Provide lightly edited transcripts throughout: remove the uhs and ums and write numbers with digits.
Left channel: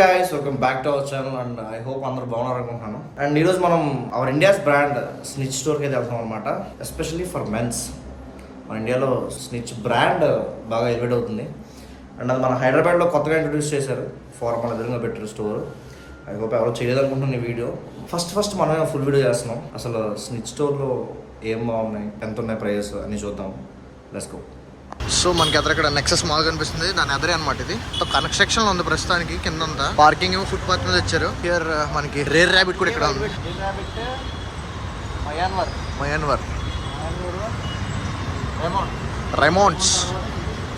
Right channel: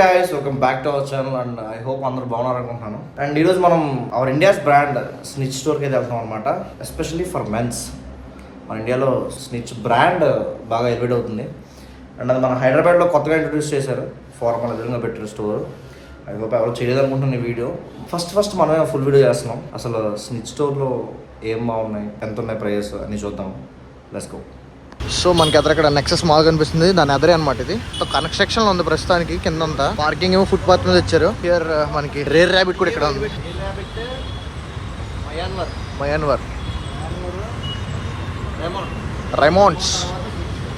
guys, welcome back to our channel and I hope అందరూ బాగున్నారు అనుకుంటున్నాను. అండ్ ఈరోజు మనం అవర్ ఇండియాస్ బ్రాండ్ స్నిచ్ స్టోర్కి అయితే వెళ్తాం అనమాట. Especially for men's. మన ఇండియాలో స్నిచ్ బ్రాండ్ బాగా ఎలివేట్ అవుతుంది. అండ్ అది మన హైదరాబాద్లో కొత్తగా ఇంట్రొడ్యూస్ చేశారు. ఫార్మల్ ఎదురుగా పెట్టారు స్టోర్. ఐ హోప్ ఎవరు చేయలేదనుకుంటున్నాను ఈ వీడియో. ఫస్ట్ మనమే ఫుల్ వీడియో చేస్తున్నాం. అసలు స్నిచ్ స్టోర్లో ఏం బాగున్నాయి, ఎంత ఉన్నాయి ప్రైజెస్ అని చూద్దాం. Let's go. సో మనకి ఎదురక్కడ నెక్సెస్ మాల్ కనిపిస్తుంది, దాని ఎదురే అనమాట. ఇది కన్స్ట్రక్షన్ లో ఉంది ప్రస్తుతానికి. కింద అంతా పార్కింగ్ ఏమో ఫుట్ పాత్ మీద ఇచ్చారు. హియర్ మనకి రేర్ ర్యాబిట్ కూడా ఇక్కడ ఉంది. మయాన్వర్ రైమోండ్స్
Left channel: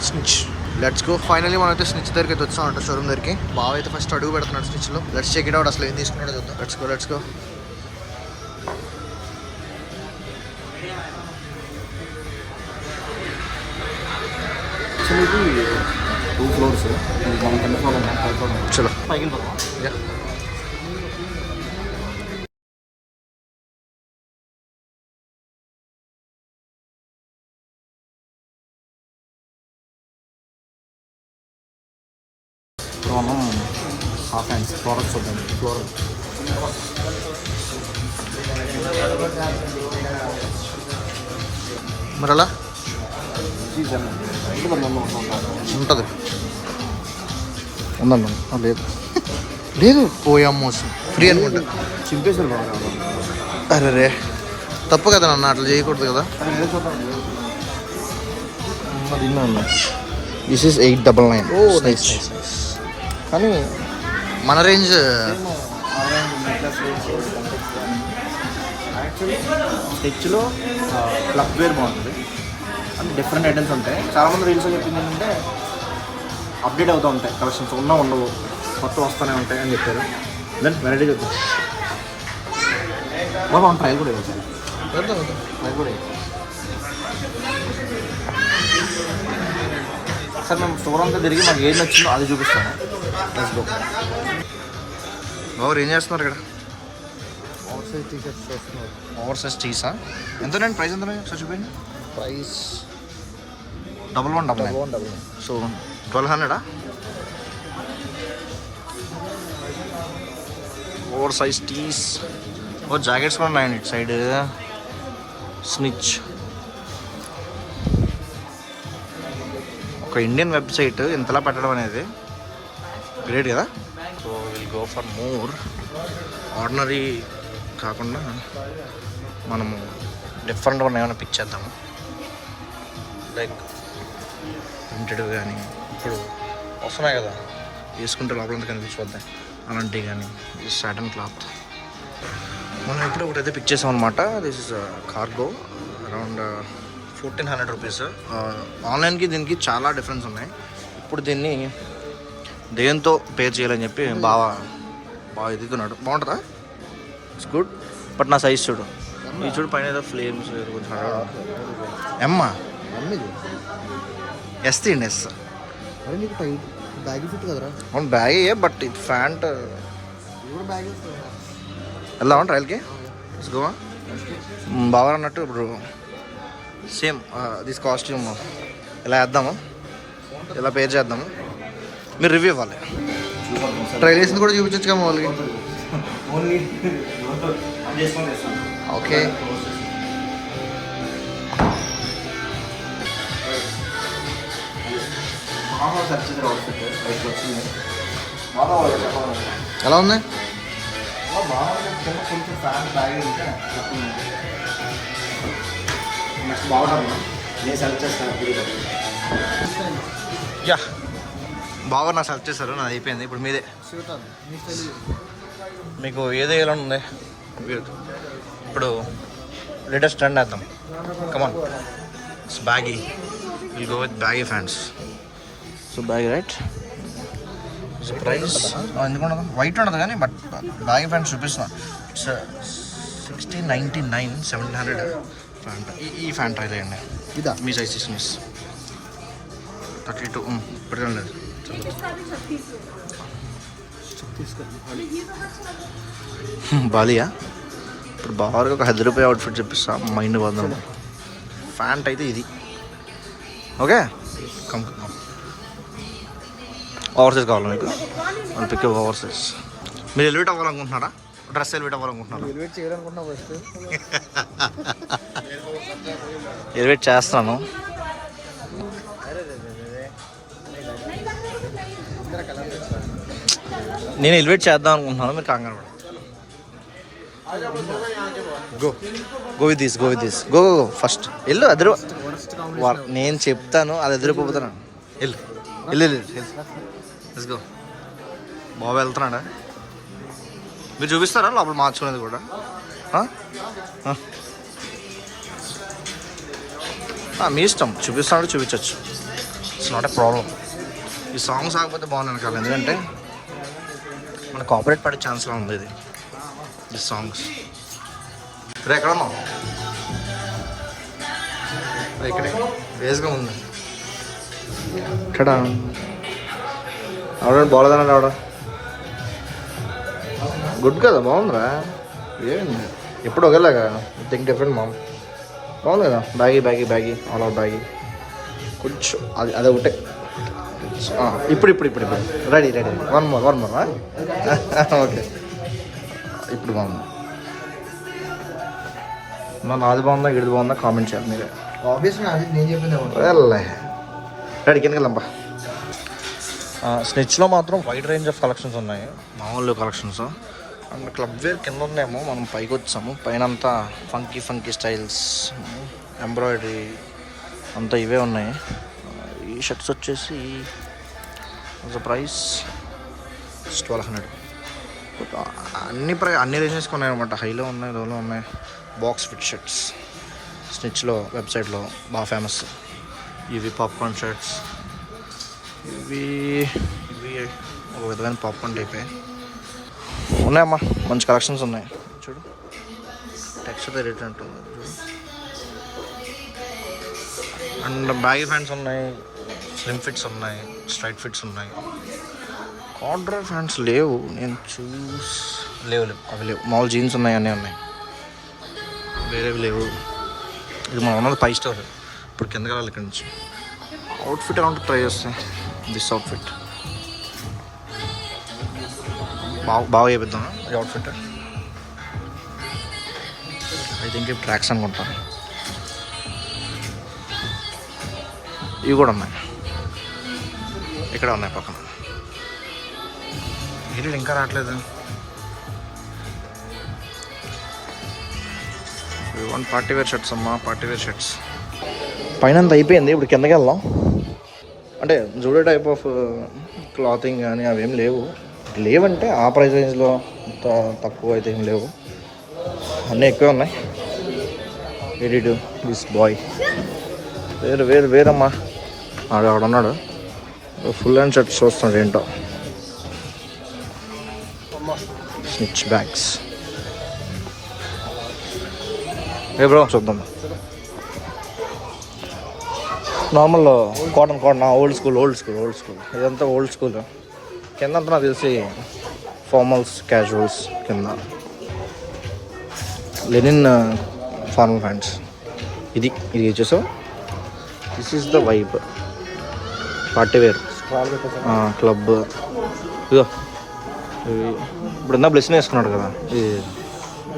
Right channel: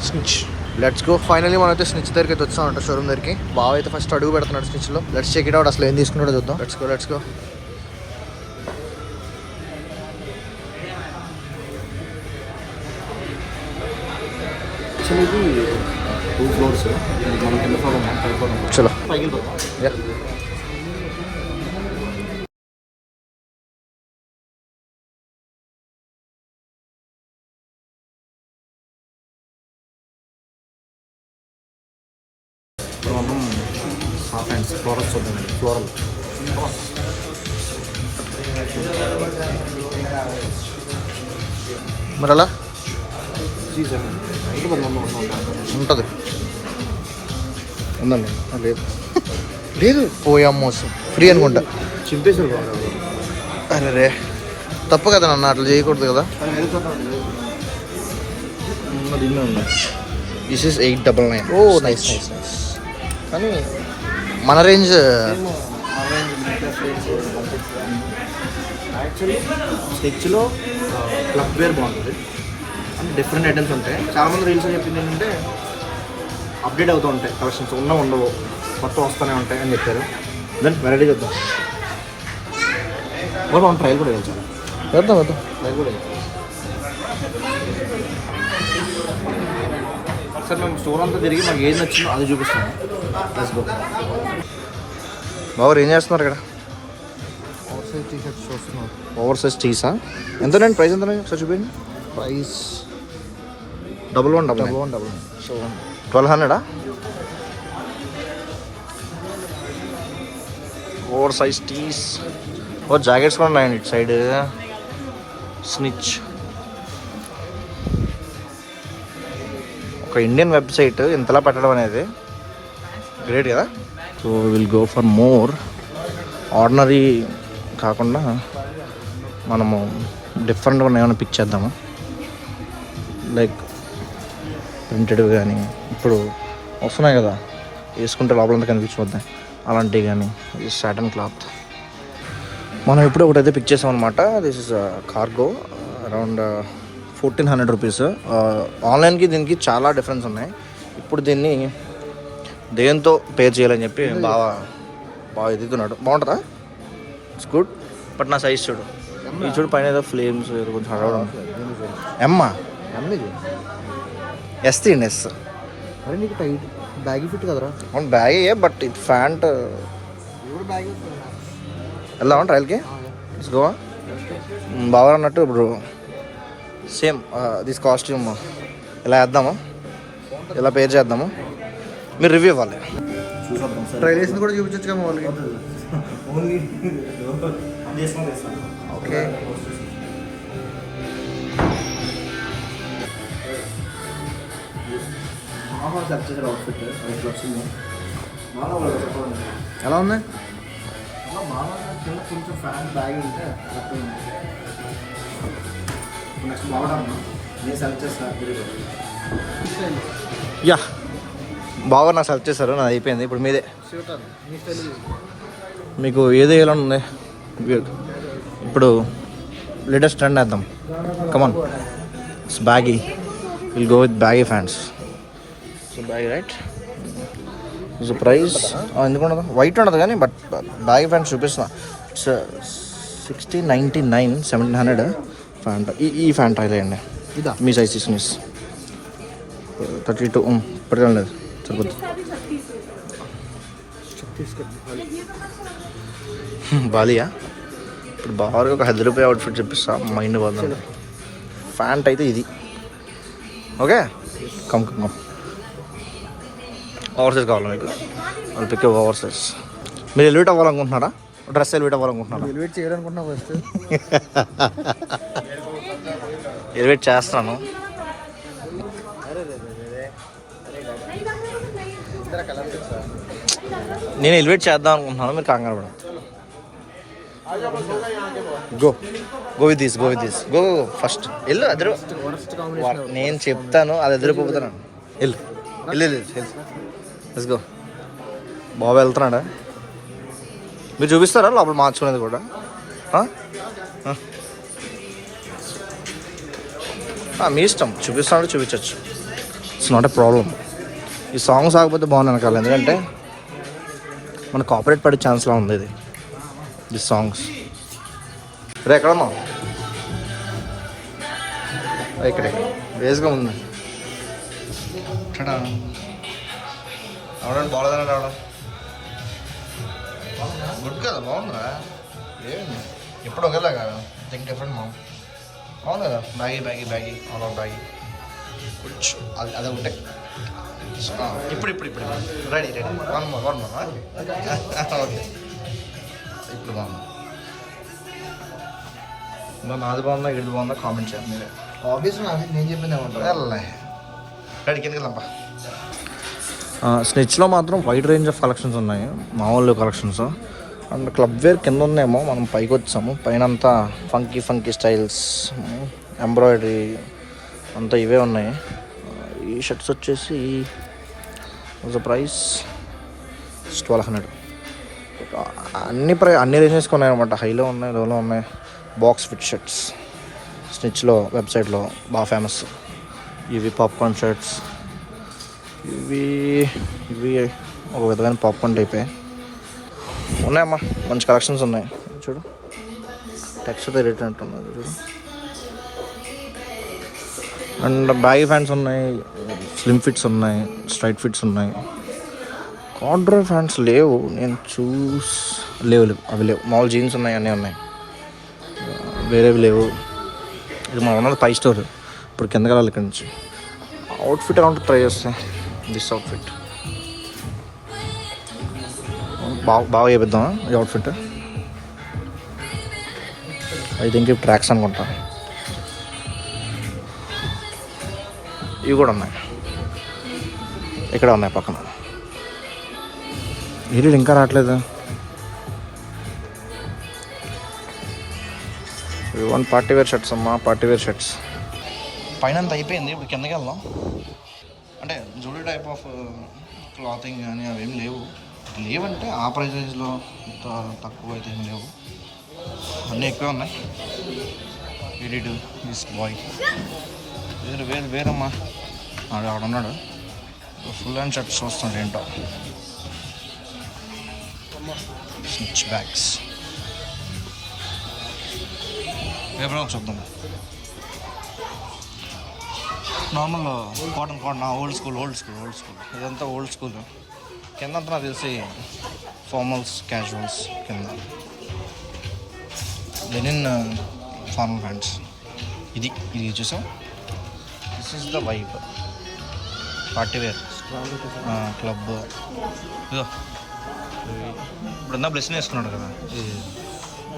స్నిచ్. Let's go. ఫైనలీ మనం అయితే స్నిచ్ దగ్గరికి అయితే వచ్చాం అంట, షోరూమ్ దగ్గరికి. బాగా అయితే ఫస్ట్ అడుగు పెడుతున్నాడు స్నిచ్ లో. Let's check it out. అసలు ఏం తీసుకున్నాడో చూద్దాం. Let's go. ఇది 2 ఫ్లోర్స్. మనం కింద ఫ్లోర్ ఉన్నాం, పై ఫ్లోర్ ఉన్నాం. చలో పైకి వెళ్తాం. ఇప్పుడు మనం హాఫ్ హ్యాండ్స్ ఫ్లోరల్స్ చూద్దాం. ఫ్లోరల్ మరి అలా సీజన్ ఉంటుంది. ఉందన్న లేదు లేదు పోయామో ఫ్రీ అనుకుంటా. చింపేసారు. అరే రే తప్పు కదా నన్ను అట్లా చేయకూడదు కదా. This is 899. Oh nice. కానీ మన రేంజ్ యాక్చువల్లీ స్టిచ్లో క్లబ్ వేర్ బాగుంటుంది. అంటే డిఫరెంట్ ఐటమ్స్ ఉంటాయి. చాలామంది రీల్స్ చెప్పింది ఏంటంటే అప్డేట్ అవుతూ ఉంటాయి కలెక్షన్స్, ఉండవు కొత్త వస్తూనే ఉంటాయి అని చెప్పారు. దెన్ వెరైటీ చూద్దాం. మనం ట్రయల్ కూడా వేయాలి. చేద్దాం ట్రయల్ కూడా వేయాలి. సార్ మేము స్టోర్ అంతా తిరిగి మాకు ఏది నచ్చిందో అది చూపిస్తాము. Let's go. బాబు ఏం చేస్తున్నారు ఇక్కడ? ఓవర్ సైజ్ టీ షర్ట్స్ వస్తున్నారు. ఓవర్ సైజ్ టీసా? ఎంత ప్రైస్ ఎంత సార్ చూపించండి. Price 1199. So 1200. Over size tees. ఓ జాకెట్స్ కూడా ఉన్నాయండి ఇటు సైడ్. స్నిచ్ ఒక ఇండియన్ వెబ్సైట్ ఇంతలా పెట్టడం అనేది గ్రేట్ కదా. So will go for more. Ordinary కాకుండా మనము డిఫరెంట్గా ఏమైనా పిక్ చేద్దాము. లైక్ ప్రింటెడ్ కానీ ఇప్పుడు వస్తున్నాయి కదా, వేసుకుంటే లోపలంతా కనిపించిపోతాయి అలాంటివి. కానీ ఈ సాటన్ క్లాత్ మనం ఇప్పుడు ఒకటైతే పిక్ చేసాం అనమాట. This is cargo. Around 1400 rupees. ఆన్లైన్కి దీనికి చాలా డిఫరెన్స్ ఉన్నాయి. ఇప్పుడు దీన్ని దేంతో పేర్ చేయాలని చెప్పి బాగా ఎదుగుతున్నాడు. బాగుంటుందా? It's good. బట్ నా సైజ్ చూడు, ఈ చూడు పైన ఏదో ఫ్లేమ్స్ కొంచెం హడావుడు ఉంది. ఎమ్మా ఎస్ తీయండి. ఎస్. అరే నీకు టైట్ బ్యాగీ ఫిట్ కదరా? అవును బ్యాగే, బట్ ఇది ఫ్యాంట్. బ్యాగ్ వెళ్దామా ట్రయల్కి? ఇట్స్ గోవా. బాగా అన్నట్టు ఇప్పుడు సేమ్ దిస్ కాస్ట్యూమ్ ఇలా వేద్దాము, ఇలా పేర్ చేద్దాము. మీరు రివ్యూ ఇవ్వాలి. ట్రైల్ వేసింది కూడా చూపించచ్చు కదా వాళ్ళకి. ఓకే. ఎలా ఉంది? కొంచెం ఫ్యాన్ బ్యాగ్ ఉంటే నెక్స్ట్ బాగుంటుంది. నేను సెలెక్ట్ చేస్తాను. యా బాగా నాకు సెలెక్ట్ చేశారు. నాది అయిపోయింది. ఇప్పుడు మీదే. మీకు ఏదో వేయాలని ఉంది. ఇప్పుడు లేటెస్ట్ ట్రెండ్ వేద్దాం. Come on. Baggy. Will go with baggy pants. So baggy right. It's price ఎందుకు ఉండదు, వైట్ ఉండదు కానీ బట్ బ్యాగీ ఫ్యాంట్ చూపిస్తున్నా. It's 1699, 1700 pant. ఈ ఫ్యాంట్ ట్రై చేయండి. ఇదా మీ సైజ్ 6 32. ఇప్పటికే లేదు సరిపోద్దు. బాలియా. ఇప్పుడు బాగా ఒక 10 రూపాయ అవుట్ఫిట్ చెప్పిస్తా, మైండ్ పోదాం. ఫ్యాంట్ అయితే ఇది. ఓకే కమ్ ఓవర్ సైజ్ కావాలా మీకు? వాళ్ళు పిక్ ఓవర్ సైజ్. మీరు ఎలివేట్ అవ్వాలనుకుంటున్నారా? డ్రెస్ ఎలివేట్ అవ్వాలనుకుంటున్నారా? ఎలివేట్ చేయాలనుకున్నా ఫస్ట్. ఎలివేట్ చేస్తాను. నేను ఎలివేట్ చేద్దాం అనుకుంటున్నాను, మీరు కంగారు పడ. Go go with this, go with this, go go first వెళ్ళు. అద్దరు నేను చెప్తాను, అది ఎదురుపోతున్నాను. వెళ్ళు వెళ్ళు లెట్స్ గో. బాబు వెళ్తున్నాడా? మీరు చూపిస్తారా లోపల మార్చుకునేది కూడా? మీ ఇష్టం, చూపిస్తాడు చూపించచ్చు. It's not a problem. ఈ సాంగ్స్ ఆగకపోతే బాగున్నాను కాదు, ఎందుకంటే మన కాపరేట్ పడే ఛాన్స్లా ఉంది ఇది, ది సాంగ్స్. రే ఎక్కడమ్మా? ఇక్కడే వేస్గా ఉంది. ఆవిడ బాగోలేదన్నాడు. ఆవిడ గుడ్ కదా, బాగుందా? ఏంటి ఎప్పుడు ఒకేలాగా థింక్ డిఫరెంట్ మా బాగుంది కదా. బ్యాగీ బ్యాగీ బ్యాగీ అలా బ్యాగీ కొంచెం అది ఒకటే. ఇప్పుడు ఇప్పుడు ఇప్పుడు ఇప్పుడు ready ready. One more okay. ఇప్పుడు బాగుంది. నాది బాగుందా గిడి బాగుందా కామెంట్ చేయాలి మీరు. ఆబ్వియస్గా నేను చెప్పింది రెడీ కిందకి వెళ్ళంపా. స్నిచ్లో మాత్రం వైడ్ రేంజ్ ఆఫ్ కలెక్షన్స్ ఉన్నాయి, మామూలు కలెక్షన్స్. అండ్ క్లబ్ వేర్ కింద ఉందేమో, మనం పైకి వచ్చాము. పైన అంతా ఫంకీ స్టైల్స్, ఎంబ్రాయిడరీ అంతా ఇవే ఉన్నాయి. ఈ షర్ట్స్ వచ్చేసి ప్రైస్ 1200. అన్ని రేంజెస్కి ఉన్నాయి అనమాట. హైలో ఉన్నాయి, లోలో ఉన్నాయి. బాక్స్ ఫిట్ షర్ట్స్ స్నిచ్లో వెబ్సైట్లో బాగా ఫేమస్. ఇవి పాప్కార్న్ షర్ట్స్, ఇవి ఒక విధమైన పాప్కార్న్ టైపే ఉన్నాయమ్మా. మంచి కలెక్షన్స్ ఉన్నాయి చూడు. టెక్స్చర్ రేట్ అంటున్నది చూడు. అండ్ బ్యాగీ ఫ్యాన్స్ ఉన్నాయి, స్లిమ్ ఫిట్స్ ఉన్నాయి, స్ట్రైట్ ఫిట్స్ ఉన్నాయి. కార్డ్రోయ్ ఫ్యాన్స్ లేవు, నేను లేవు అవి లేవు. మామూలు జీన్స్ ఉన్నాయి, అన్నీ ఉన్నాయి, వేరేవి లేవు. ఇది మనం ఉన్నది 5 స్టోర్. ఇప్పుడు కిందకి వెళ్ళాలి ఇక్కడ నుంచి. అవుట్ఫిట్ అకౌంట్ ట్రై చేస్తాను. దిస్ అవుట్ఫిట్ బాగా చేపిద్దాం. ఈ అవుట్ఫిట్ ఐ థింక్ ఇవి ట్రాక్స్ అనుకుంటా. ఇవి కూడా ఉన్నాయి, ఇక్కడ ఉన్నాయి పక్కన. ఇది ఇంకా రావట్లేదు. వన్ పార్టీ వేర్ షర్ట్స్ అమ్మా, పార్టీ వేర్ షర్ట్స్. పైన అంత అయిపోయింది, ఇప్పుడు కిందకి వెళ్దాం. అంటే జూడో టైప్ ఆఫ్ క్లాతింగ్ కానీ అవేం లేవంటే ఆ ప్రైస్ రేంజ్లో అంత తక్కువ అయితే ఏం లేవు, అన్నీ ఎక్కువే ఉన్నాయి. ఎడిట్ దిస్ బాయ్ వేరమ్మా. అక్కడ ఉన్నాడు, ఫుల్ హ్యాండ్ షర్ట్స్ చూస్తున్నాడు ఏంటో. స్నిచ్ బ్యాగ్స్ బ్రో చూద్దాం. నార్మల్ కాటన్ ఓల్డ్ స్కూల్ ఇదంతా ఓల్డ్ స్కూల్. కింద అంతా నాకు తెలిసి ఫార్మల్స్, క్యాజువల్స్ కింద. Linen formal pants. ఇది చూసావు, this is the vibe. Party wear club. ఇదో ఇప్పుడు ఇందా బ్లెస్సింగ్ వేసుకున్నాడు కదా,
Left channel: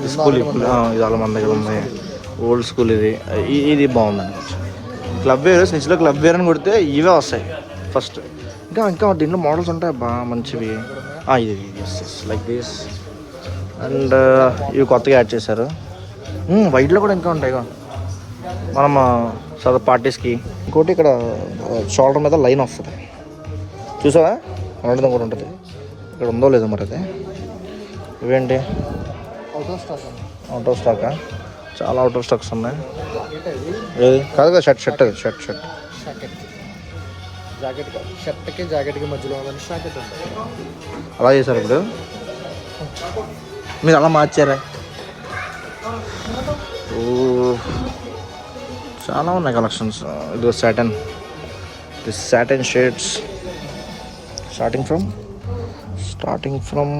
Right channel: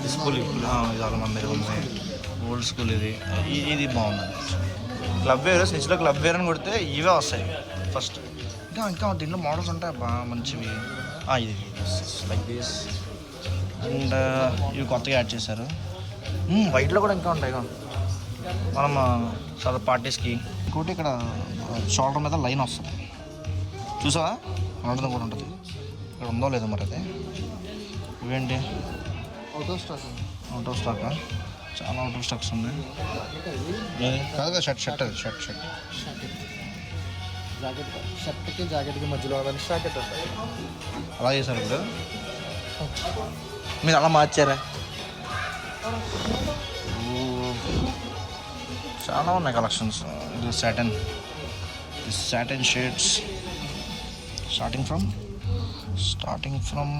ఇది స్కూల్. ఇది చాలా మంది దగ్గర ఉంది, ఓల్డ్ స్కూల్. ఇది బాగుందండి. క్లబ్ వేర్ స్నిచ్లో క్లబ్ వేర్ అని కొడితే ఇవే వస్తాయి ఫస్ట్. ఇంకా దీంట్లో మోడల్స్ ఉంటాయి బాగా మంచివి. ఇది లైక్ దిస్. అండ్ ఇవి కొత్తగా యాడ్ చేశారు. వైట్లో కూడా ఇంకా ఉంటాయి మనం సదా పార్టీస్కి. ఇంకోటి ఇక్కడ షోల్డర్ మీద లైన్ వస్తుంది చూసావా, ఉండడం కూడా ఉంటుంది. ఇక్కడ ఉందో లేదో మరి అది. ఇవేంటి అవుట్ ఆఫ్ స్టాకా? చాలా అవుట్ ఆఫ్ స్టాక్స్ ఉన్నాయి. కాదు కదా, షర్ట్ జాకెట్కి మధ్యలో అలా చేశారు. ఇప్పుడు మీరు అలా మార్చారా? చాలా ఉన్నాయి కలెక్షన్స్. ఇది satin shades starting from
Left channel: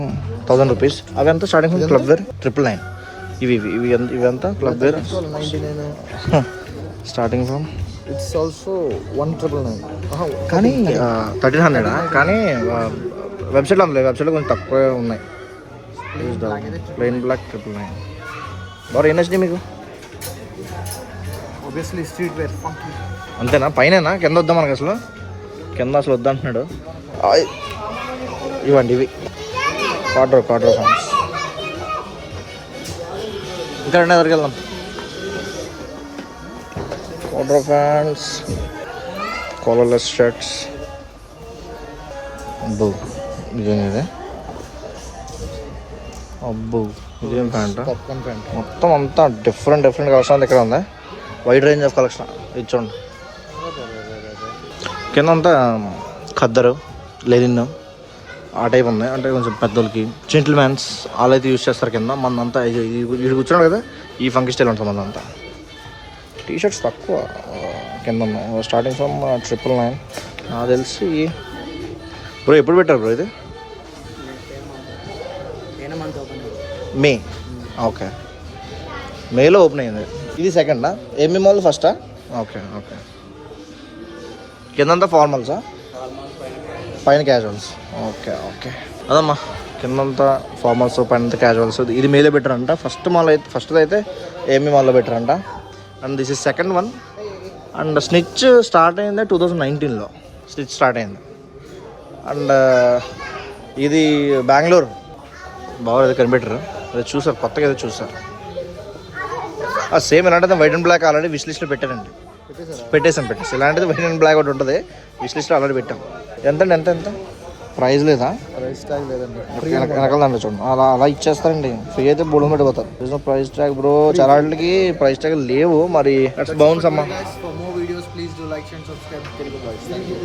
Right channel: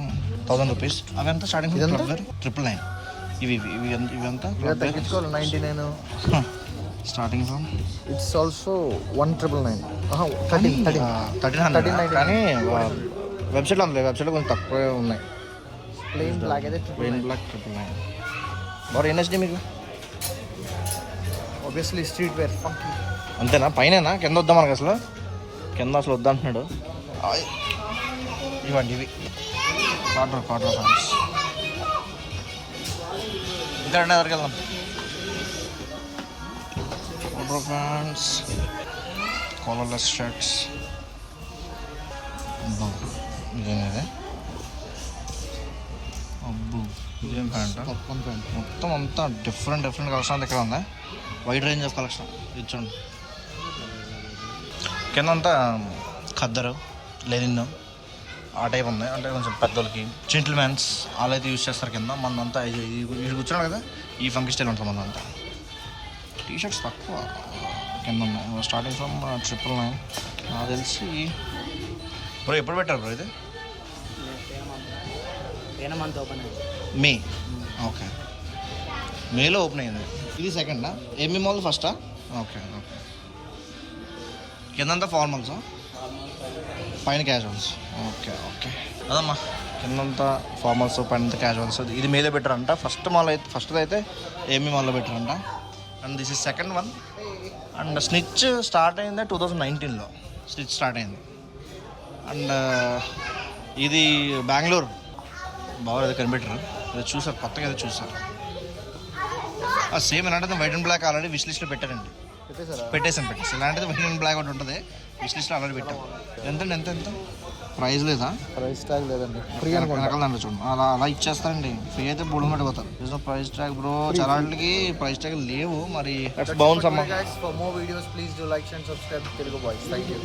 1000 rupees. అవి అంతా స్టార్టింగ్ ఫ్రమ్ క్లబ్ వేర్ 999. ఇవి అంతా clubwear 99. Starting from it's also 1999. కానీ 1300 కానీ వెబ్సైట్లో అందులో వెబ్సైట్లో కొంచెం తక్కువ ఉన్నాయి. Plain black 999. బాగా ఏం నచ్చింది మీకు? Obviously streetwear funky. అంతేనా? పైన కింద వద్దాం మనకు అసలు కింద అసలు వద్దంటున్నాడు. ఇవ్వండి ఇవి కార్డర్ ఫ్యాన్స్. ఇంకా రెండో దగ్గరికి వెళ్దాం. కార్డర్ ఫ్యాన్స్, కాలర్లెస్ షర్ట్స్. అబ్బో ఇదేం ఇది? అబ్బో ఇదేం ప్యాంట్? Popcorn pant. మొత్తం అంతా డిఫరెంట్ కలెక్షన్ ఇక్కడ ఉంది. వైడ్ రేంజ్ ఆఫ్ కలెక్షన్ ఇచ్చోండి. కింద అంతా ఖద్దరు, లెనిన్ ఆ టైప్ ఉంది. అంటే కొంచెం పెద్దోళ్ళకి జెంటిల్ మ్యాన్స్ వాళ్ళు అయితే యూజ్ చేస్తారు. కింద మందంతా వీడు కూర్చున్నాడు కదా, ఈ ఫంకీ స్టైల్ ఉంటుంది మందంతా. టీ షర్ట్స్ తక్కువ కింద ఉన్నాయి. Starting from 999. నాకు తెలిసి బ్రో ఎప్పుడు పెట్టారు బ్రో ఇది? మే. ఓకే, మేలో ఓపెన్ అయింది. ఇది సెకండా? ఏమి మాల్ ఫస్టా? ఓకే. కిందంతా ఫార్మల్సా, పైన క్యాజువల్స్. ఓకే అదమ్మా, కిందంతా ఫార్మల్స్, పైన క్యాజువల్స్. ఇది మేలో పెట్టారంట. ఫస్ట్ అయితే ఏమి మాల్లో పెట్టారంట. And this is second one. And Snitch start అయింది 2019లో. స్నిచ్ స్టార్ట్ అయింది. అండ్ ఇది బెంగళూరు. బాగా ఏదో కనిపెట్టారు, అది చూసారు, కొత్తగా ఏదో చూసారు. సేమ్ ఇలాంటిది white and black already wish లిస్ట్లో పెట్టారండి. పెట్టేసాం. ఇలాంటిది వైట్ అండ్ బ్లాక్ ఒకటి ఉంటుంది, విష్ లిస్ట్లో ఆల్రెడీ పెట్టాం. ఎంత ప్రైస్ లేదా? ప్రైస్ ట్యాగ్ లేదండి. వెనకాలండి చూడండి, అలా ఇచ్చేస్తారండి. ఫ్రీ అయితే బోర్డు మీద పోతారు. ప్రైస్ ట్యాగ్ బ్రో, చాలా వాటికి ప్రైస్ ట్యాగ్ లేవు. మరి బౌన్స్ అమ్మా. For more videos, please do like and subscribe to Telugu Voice. Thank you.